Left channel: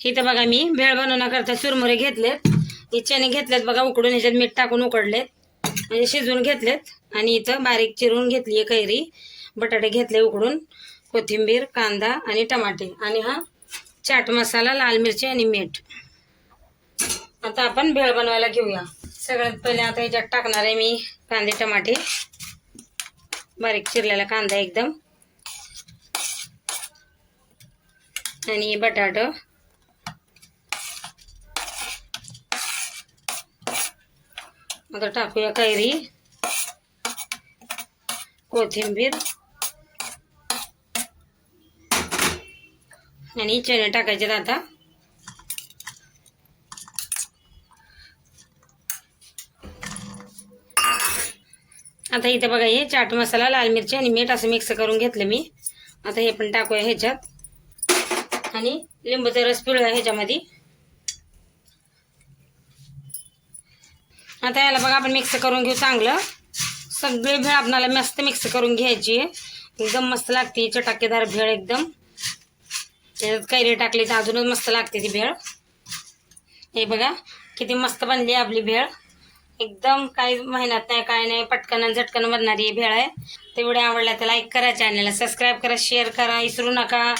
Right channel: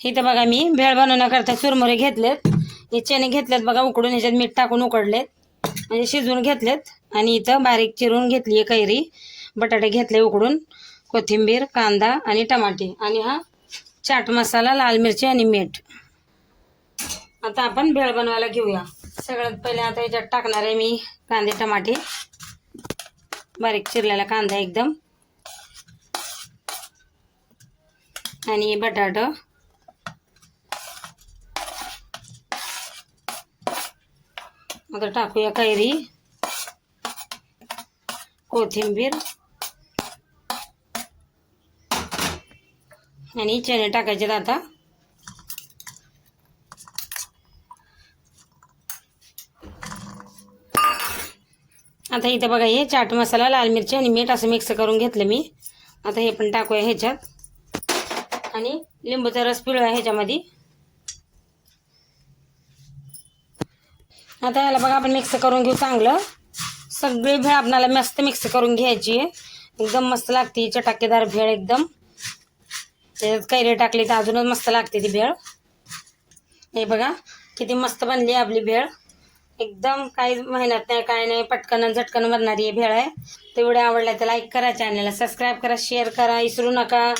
इथं बघा मी भेळ बनवण्याकरता चुरमुरे घेतलेत. हे चणे घेतलेत बघा उकडून ह्याच्यात मीठ टाकून उकडलेत. म्हणजे शिजवून घेतलेत. आणि इथं बारीक चिरून घेतली आहे कैरी. बटाटे घेतले उकडून. कोथिंबीर कांदा आणि टमाटे. आणि हा चाट मसाला लाल मिरची आणि मीठ. आता आपण भेळ बनवायला घेऊया. सगळ्यात पहिले आता ह्याच्यात टाकणार आहे मी कांदे टमाटे. बारीक चिरलेला कांदा एकदम. आणि बटाटा. आता टाकूया कैरी कोथिंबीर आणि चणे टाकायचे आता. आता इथं बघा हे चाट मसाला लाल मिरची आणि मीठ असं मिक्स करून घेतलं मी. आता हे पण टाकूया ह्याच्यात. आणि लिंबूचा रस पिळूया ह्याच्यामध्ये. आता याला बघा आपण मिक्स करून घेऊ चांगलं. सगळी भेळ आपणाला मस्त मिक्स करून घ्यायची आहे. एकदम मस्त लागते ही चटाकेदार भेळ एकदम. त्याच्यात कैरी टाकली तर अजूनच मस्त लागते ती भेळ. हे बघा किती मस्त बनली आहे आपली भेळ. एकदम काही मेहनत नाही काय नाही पटकन झटकन बनणारी भेळ आहे. ते व्हिडिओ आवडला तर लाईक करा चॅनलला सबस्क्राईब करा शेअर करा विसरू नका.